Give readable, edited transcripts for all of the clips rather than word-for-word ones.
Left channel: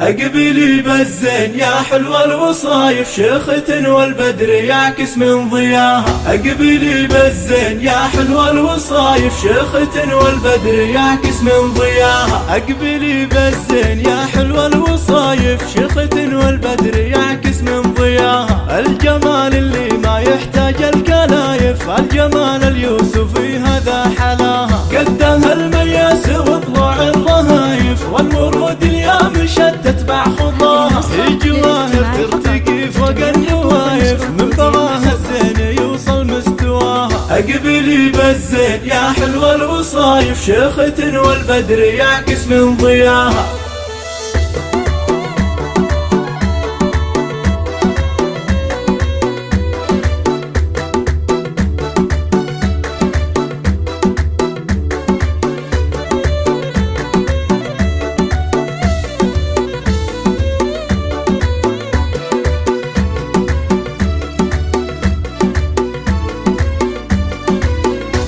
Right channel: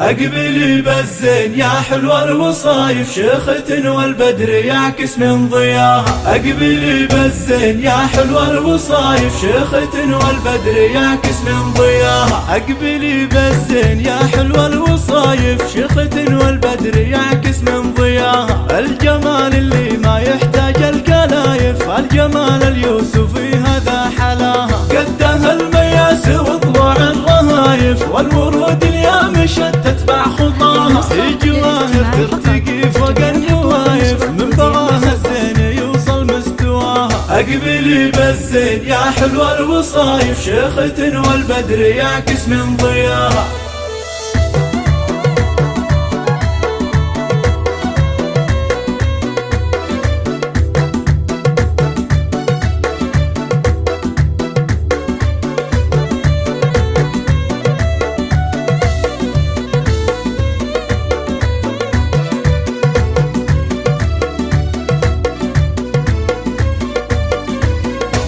أقبلي بالزين يا حلوة الوصايف شيخة والبدر يعكس من ضياها. أقبلي بالزين يا حلوة الوصايف شيخة والبدر يعكس من ضياها. أقبلي بالزين يا حلوة الوصايف شيخة والبدر يعكس من ضياها. الجمال اللي ما يحتاج الكلايف، الجمال اليوسفي هذا حلاها. قدها المياس وضلوع الرهايف، والورود اليامشة تتبع خطاها. في جواهر ترتقي فوق النوايف، من بغاها الزين يوصل مستواها. أقبلي بالزين يا حلوة الوصايف شيخة والبدر يعكس من ضياها.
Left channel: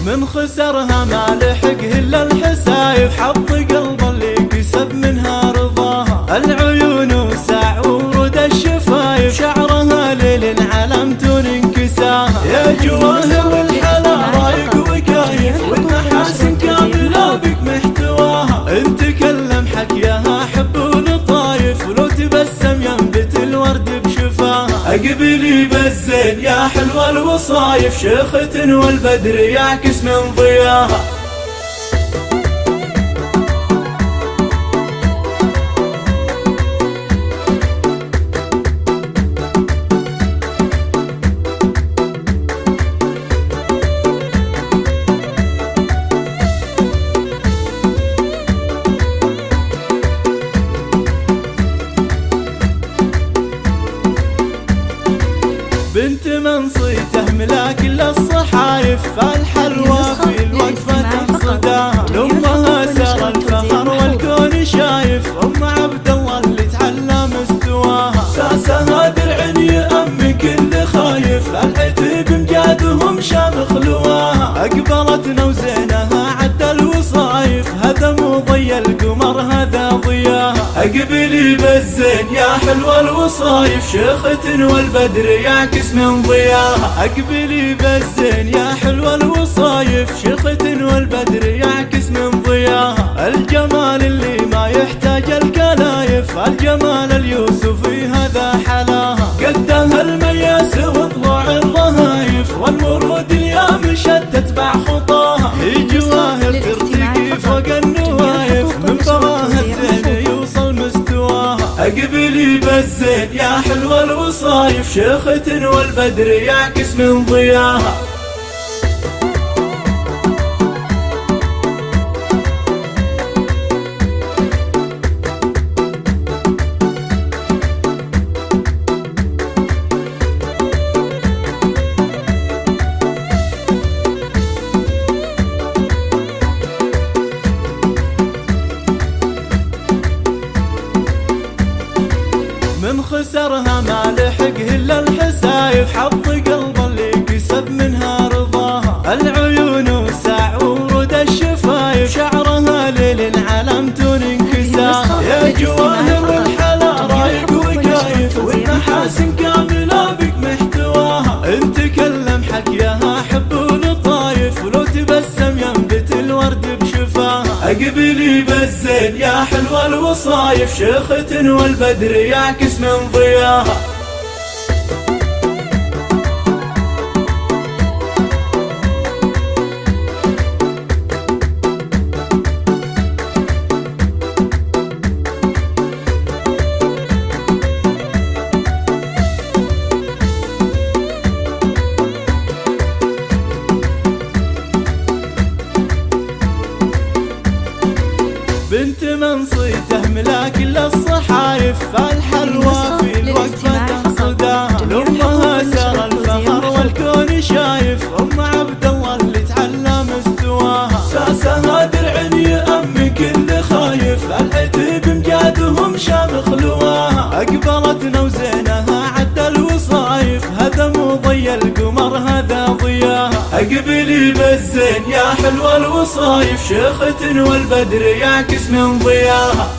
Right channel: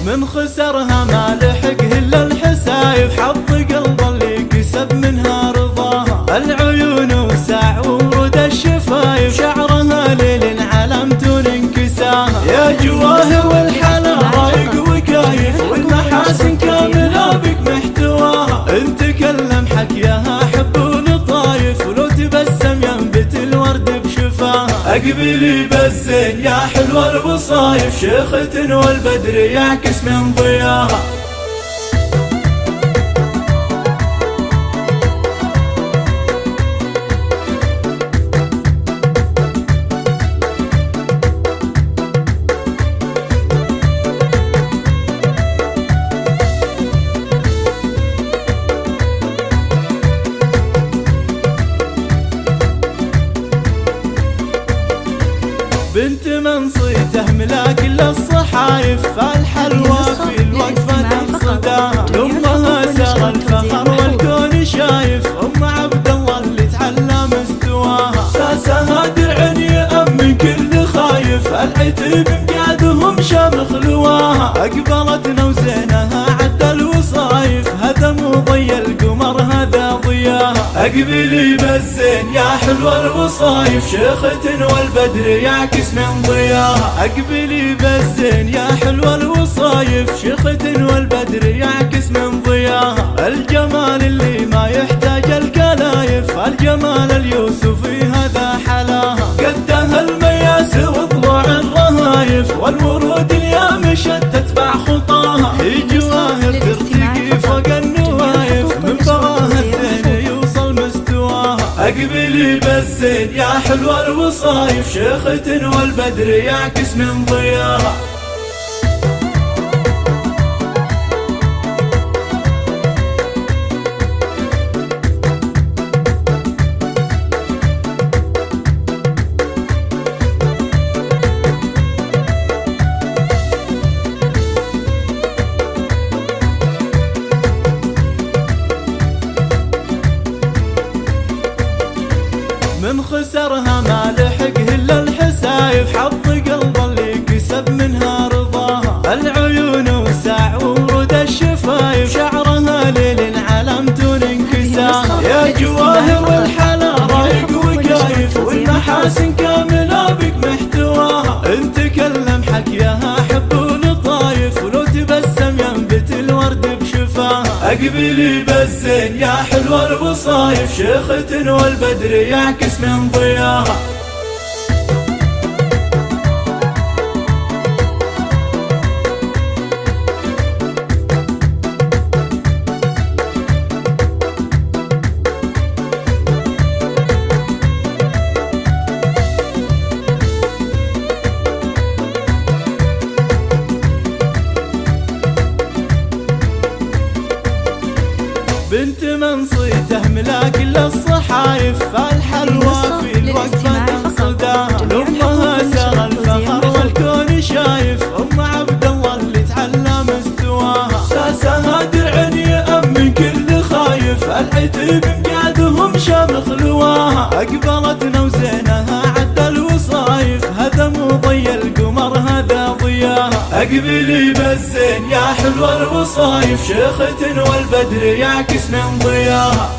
من خسرها ما لحقه الا الحسايف، حظ قلب اللي كسب منها رضاها. العيون وسع ورود الشفايف، شعرها ليل علامة انكساها. يا جواهر والحلا رايق وكايف، والمحاسن كاملة بك محتواها. ان تكلم حكيها حب ولطايف، ولو تبسم ينبت الورد بشفاها. أقبلي بالزين يا حلوة الوصايف شيخة والبدر يعكس من ضياها. بنت من صيته ملاك للصحايف، فالحلوى في الوقفة تقصداها. لأمها سار الفخر والكون شايف، أم عبد الله اللي تعلى مستواها. ساسها درع يأمن كل خايف، العتب مجادهم شامخ لواها. أقبلتنا وزينها عد الوصايف، هذا مو ضي القمر هذا ضياها. أقبلي بالزين يا حلوة الوصايف شيخة والبدر يعكس من ضياها. أقبلي بالزين يا حلوة الوصايف شيخة والبدر يعكس من ضياها. الجمال اللي ما يحتاج الكلايف، الجمال اليوسفي هذا حلاها. قدها المياس وضلوع الرهايف، والورود اليامشة تتبع خطاها. في جواهر ترتقي فوق النوايف، من بغاها الزين يوصل مستواها. أقبلي بالزين يا حلوة الوصايف شيخة والبدر يعكس من ضياها. من خسرها ما لحقه الا الحسايف، حظ قلب اللي كسب منها رضاها. العيون وسع ورود الشفايف، شعرها ليل علامة انكساها. يا جواهر والحلا رايق وكايف، والمحاسن كاملة بك محتواها. ان تكلم حكيها حب ولطايف، ولو تبسم ينبت الورد بشفاها. أقبلي بالزين يا حلوة الوصايف شيخة والبدر يعكس من ضياها. بنت من صيته ملاك للصحايف، فالحلوى في الوقفة تقصداها. لأمها سار الفخر والكون شايف، أم عبد الله اللي تعلى مستواها. ساسها درع يأمن كل خايف، العتب مجادهم شامخ لواها. أقبلتنا وزينها عد الوصايف، هذا مو ضي القمر هذا ضياها. أقبلي بالزين يا حلوة الوصايف شيخة والبدر يعكس من ضياها.